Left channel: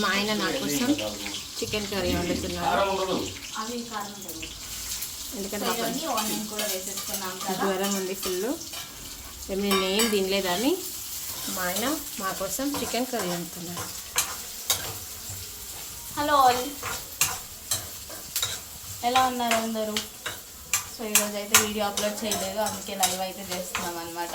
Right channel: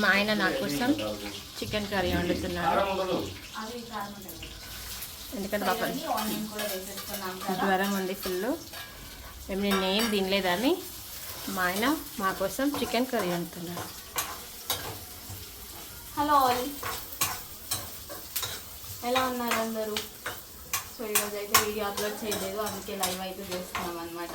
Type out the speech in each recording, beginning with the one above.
మా ఆయన నా కోసం చికెన్ కర్రీ వండుతున్నాడు. ఎందుకంటే జ్వరం ఉంది ఫుల్ మేము నేను ఏం తినలేదని మా ఆయన మా కోసం చికెన్ కర్రీ వండుతున్నాడు. Hello all. ఎలా ఉన్నారు అందరూ? సో ఈరోజు అయితే వీడియో అప్లోడ్ చేయలేదు అందుకే లైవ్ అయితే చేస్తున్నాం అనమాట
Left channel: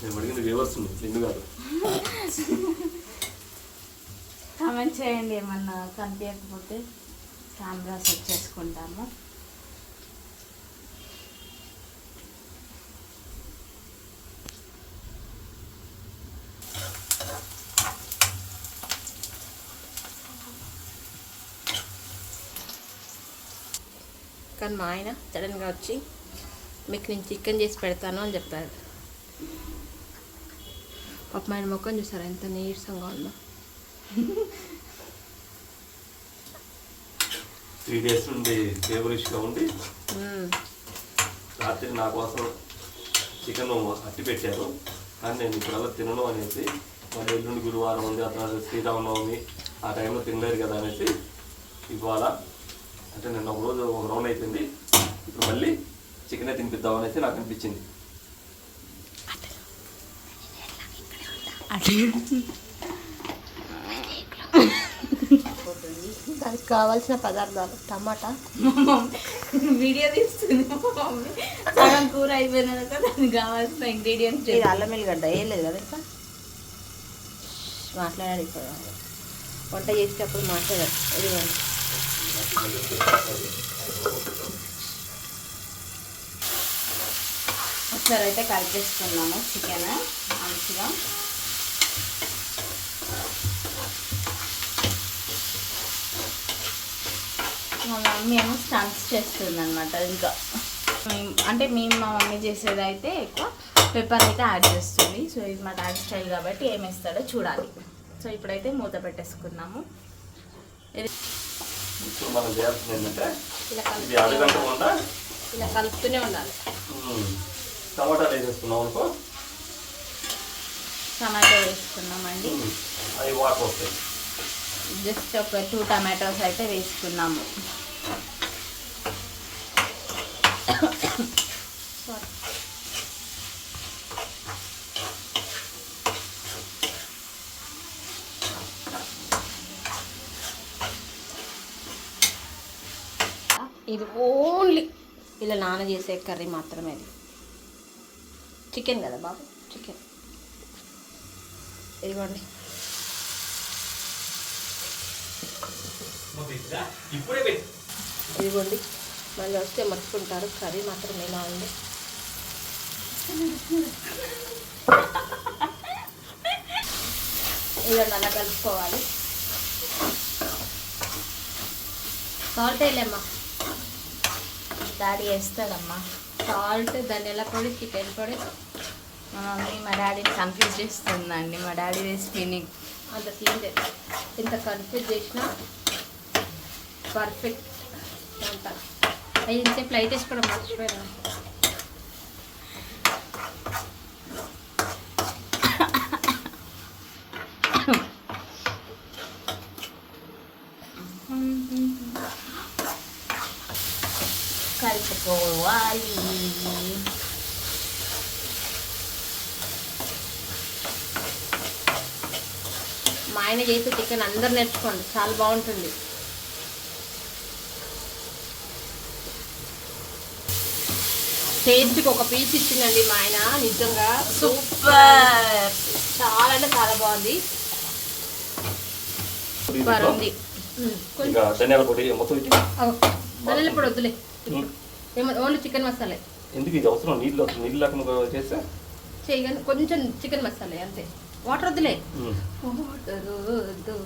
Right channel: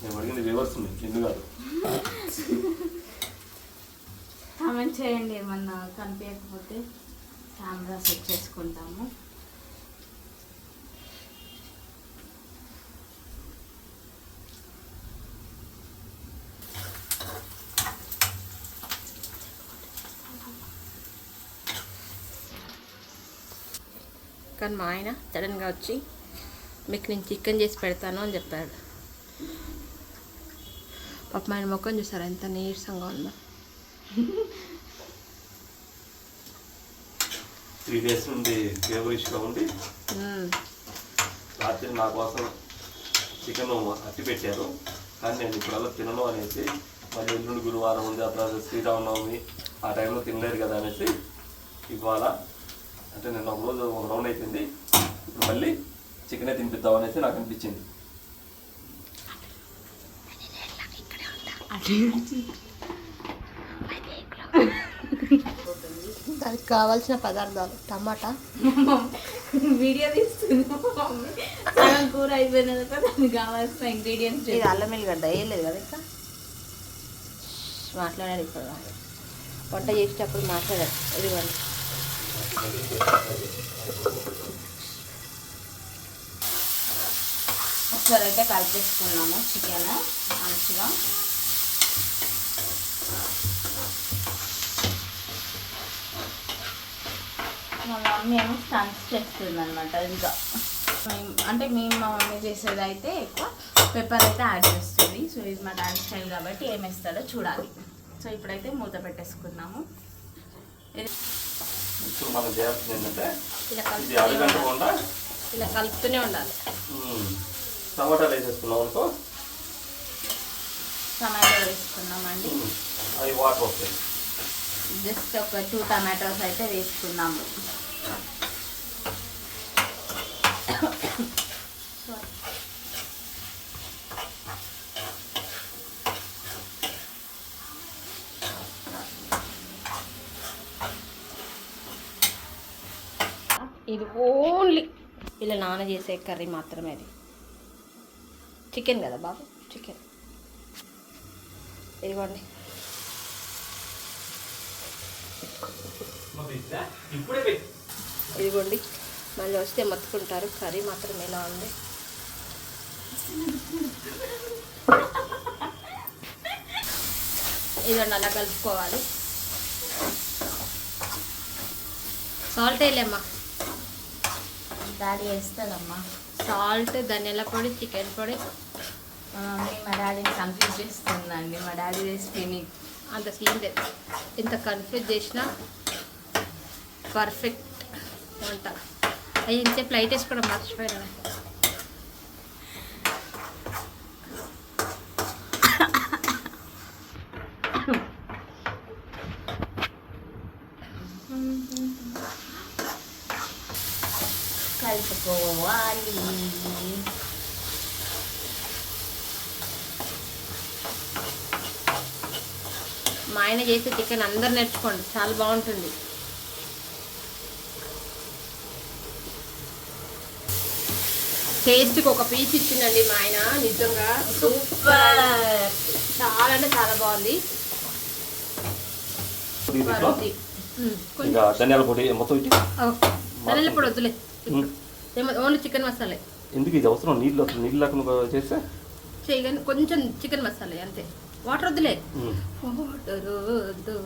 నేను అడిగింది వ్యూవర్స్ నిన్ను కాదు. కామెంట్ చేయండి ఏమన్నా కనిపించకపోతే కెమెరా సెట్ చేసుకుంటాము. కానీ మా ఆయన సడన్గా వచ్చి మీకు నేను చికెన్ చేసి పెడతాను అని చెప్పాడు. పాప మా ఆయన ముఖం చూసారు ఎంత నీరసంగా ఉందో త్రీ డేస్ నుండి కేబుల్ ఇష్యూగా ఉండి. రాత్రి నా కోసం చికెన్ అట్టి పెట్టారు. కానీ నేను ఇప్పుడల్లా తినను అనేసి మళ్ళీ ఎల్లుండి గురువారం ఉంది ఆ తర్వాత శ్రీరామనవమి ఆ టైంలో తినలేరు కదా అనేసి ఇవాళ అంటే నిన్న ఒక రోజు ఒక రౌండ్ అయిపోయింది. ఇప్పుడు మళ్ళీ చికెనే తినిపిద్దాం అనేసి నాకు అనిపించింది. దానికి కావాల్సిన పదార్థాలు టమాటా. వీడియో తీస్తుంది కూర అయిపోయిన తర్వాత దానికి కావాల్సిన ఇంగ్రీడియంట్స్ ఇది అల్లం ఎల్లిగడ్డ వేయలేదు కదా ఇంకా? మాట్లాడాడు ఇప్పుడు. వంట చేసేటప్పుడు మాట్లాడాడు ఇదిగోండి. ఒకసారి అయితే కలిపేసుకున్నాము చికెన్ మంచిగా. మా మమ్మీ ఏమో స్టంట్స్ చేస్తుంది అనమాట ఇంకా. మేము- అంటే మేము మా మమ్మీ చేసేది అయితే ఎక్కువ పెప్పర్ అయితే యాడ్ చేస్తుంది. సో ఇది మా డాడీ స్టైల్ కాబట్టి ఏం వేస్తాడో చూడాలి. సో ఇప్పుడైతే మూత పెట్టేసుకున్నాము. ఇలా కలుపుతూనే ఉండాలి. ఇలా కలుపుతూనే ఉండాలి. టమాటాలు వేసేసుకున్నాం అనుకో? టమాటో వేసుకున్నామండి. ఉమ్, అవి వాటర్ వస్తాయి జస్ట్ ఒక టూ టమాటోస్ అయితే వేసుకున్నాము. ఇది ఓన్లీ ఇలా నాన్న చేసే కర్రీ మాత్రమే అది. చికెన్ కదా బాబు? చికెన్ ఇదిగోండి. ఇదిగోండి. మళ్ళీ వస్తే మర్చుకుంటారు కర్రీ మాత్రం ఎలా ఉంది? ఇదిగోండి అలా కలుపుకోవాలి. సాల్ట్ వేయలేమ్మా. డాడీ వేస్తుందమ్మా సాల్ట్ ధనియాల పొడి చికెన్ పొడి. మా డాడీని కన్ఫ్యూజ్ చేస్తుందండి. మా డాడీ రెసిపీని అంత సీన్ లేదు ఎంత కన్ఫ్యూజ్ చేసినా పర్ఫెక్ట్ వంట. అయ్యి ఇంతసేపు లైట్ వేసుకోవడం మర్చిపోయాను. కలుపుకోవాలి మా ఆయన చేసే చికెన్ అందరు నేర్చుకోండి. చాలా బాగుంటుంది. టేస్ట్కి ఒక పీస్ ఇచ్చిందండి మా ఆయన. నిజంగా సూపర్. చాలా అంటే చాలా బాగుంది. సూపర్ ఉంది. ధనియాల పొడి మొత్తం ధనియాల పొడి వద్దులే. Only chicken masala. ఎందుకు ఇది అవసరం? నీళ్ళు నీళ్ళు లేకుండా చేస్తే? చేయగానే కొంచెం చికెన్ మసాలా అంతే. వాటర్ వద్దులే. వాటర్ వద్దు.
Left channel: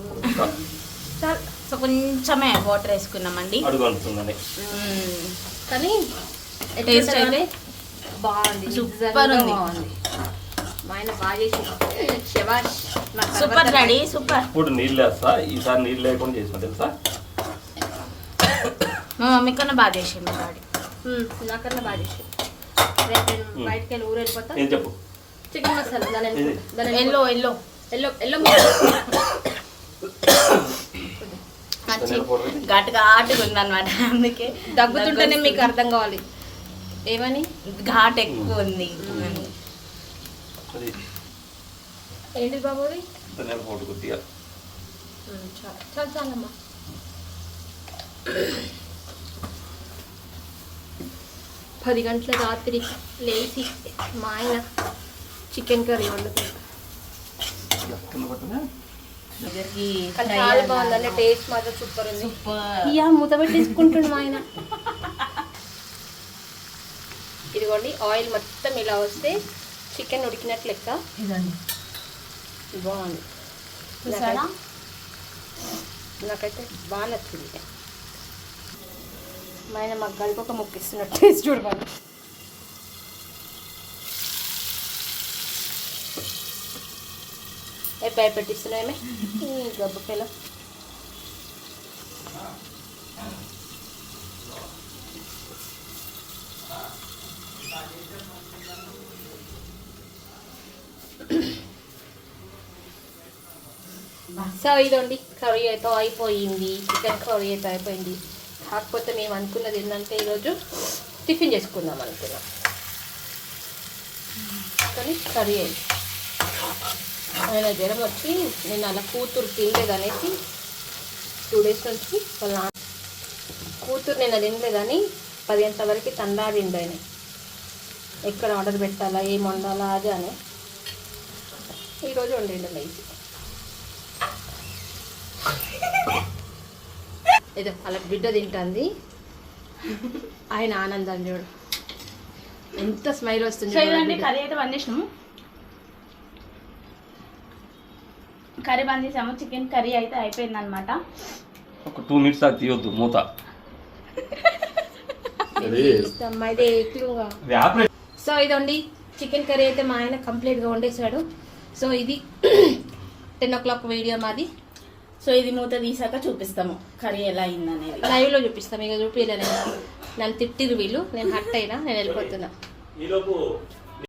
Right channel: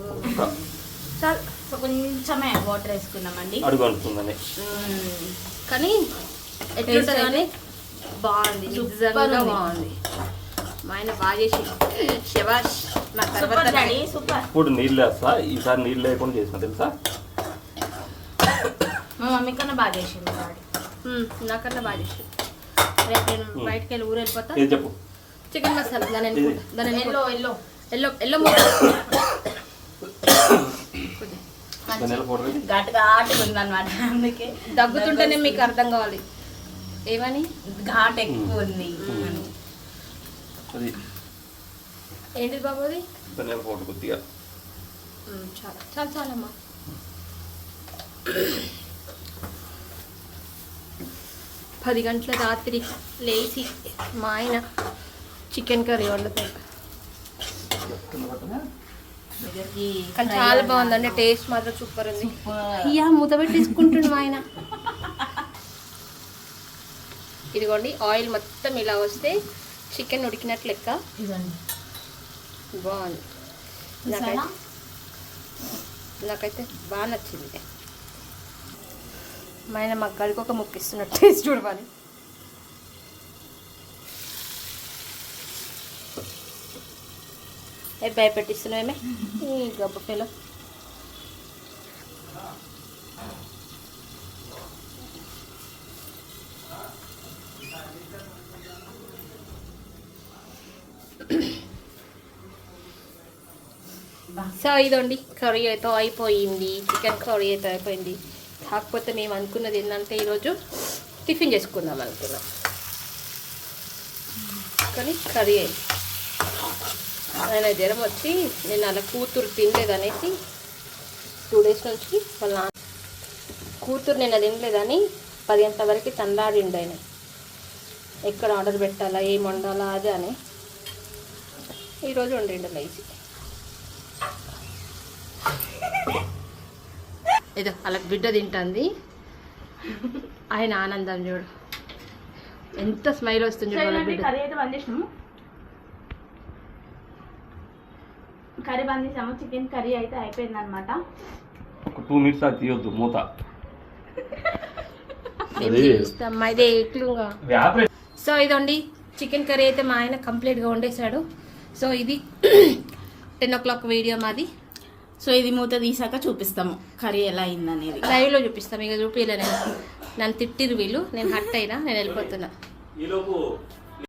సో కొంచెమే వాటర్ వేసుకున్నామండి అడుగు అంటుందని మ్మ్. కానీ Taste కానీ? బాగుంది. బాగుంది. మా ఆయన బాగా చేసి. శబాష్ మా తర్వాత సూపర్. ఇప్పుడు నీళ్ళు వేస్తా. ఈసారి నీళ్ళు లేకుండా చేసిన తెలుసా? మా మమ్మీ కన్నా బాగా డాడీ. మ్మ్, నాకన్నా బాగా చేసి రేపు నేను బయటికి వెళ్ళి ఊరు వెళ్ళిపోతా. ఏం చెప్పు? చికెన్ మసాలా దాని వెళ్ళిపోతా. దాని ఎల్లో. Yellow yellow. ఎల్లో ఘాటు ఘాటుగా ఉందన్నమాట అందుకే. దగ్గుతుంటేనే మీకు అర్థం కావాలి. ఏమని? ఘాట్ ఎక్కువ ఉంది. అది. ఏంటిది బాబు అది? చాలా చాలా చాలమ్మా పది గంటల రాత్రి లేచి మా ఆయన చికెన్ కర్రీ వండుతాడు. కానీ చాలా బాగుందండి టేస్ట్ మాత్రం సూపర్ ఉంది. ఇయ్యా మూత పెట్టేసుకుంటుండు మా ఆయన. ఇదిగోండి ఆయిల్ మొత్తం ఇలా వస్తే చికెన్ ఉడికినట్లు లెక్క. బాగుంది. నాకైతే నాకైతే బాగా నచ్చింది. ఆయన మాకు ఒక ముక్క ఇస్తున్నట్టు టేస్ట్ చూడవాలి ఏ భయపెట్టిస్తున్నావేమే ఈ గబ్బ పిల్ల సో ఇదండి కర్రీ అయితే అయిపోయింది. చికెన్ కర్రీ అయితే అయిపోయింది. కాకపోతే మేము అనుకున్నది ఏంటంటే ఈరోజు టిఫిన్ చేసుకుందాం అనుకున్నాం. కానీ కర్రీ అయింది ఆయన జ్వరం వచ్చి నేను అలా కూతురు తినలేదనేసి టూ డేస్ నుంచి వాళ్ళ కూతురు నేను తినలేదని పది వరకు తండారిండు ఆయన. ఎక్కడ ఆర్డర్ పెట్టాలా ఏం వండాలా అది అని. ఈరోజు వండిండు లేచి ఏదో అలా బిడ్డ తింటుంది. ఆయన ఆనందం చూడు. ఎంత స్మైల్ వస్తుంది కర్రీ అయితే బంద్ చేసినాము. కర్రీ బంద్ చేసాము. చికెన్ కర్రీ అయితే అయిపోయింది అనమాట ఒక టూ మినిట్స్ అది తీయొద్దు మూత. ఇదే ఆపరే సో ఇదండి. చికెన్ కర్రీ అయితే మా ఆయన కంప్లీట్గా వండేశాడు. సో ఇది టెన్ ఓ క్లాక్ వీడియో మాది. సో ఇది మూత తీసాక చూపిస్తాము. కర్రీ ఎలా అయిందనేది. లైవ్లో చూపిస్తాం. ఇక చూపించలే నేను. నన్ను తిట్టిరు వీళ్ళు. నేను హట్ అయినా నేను వెళ్ళిపోతున్నా.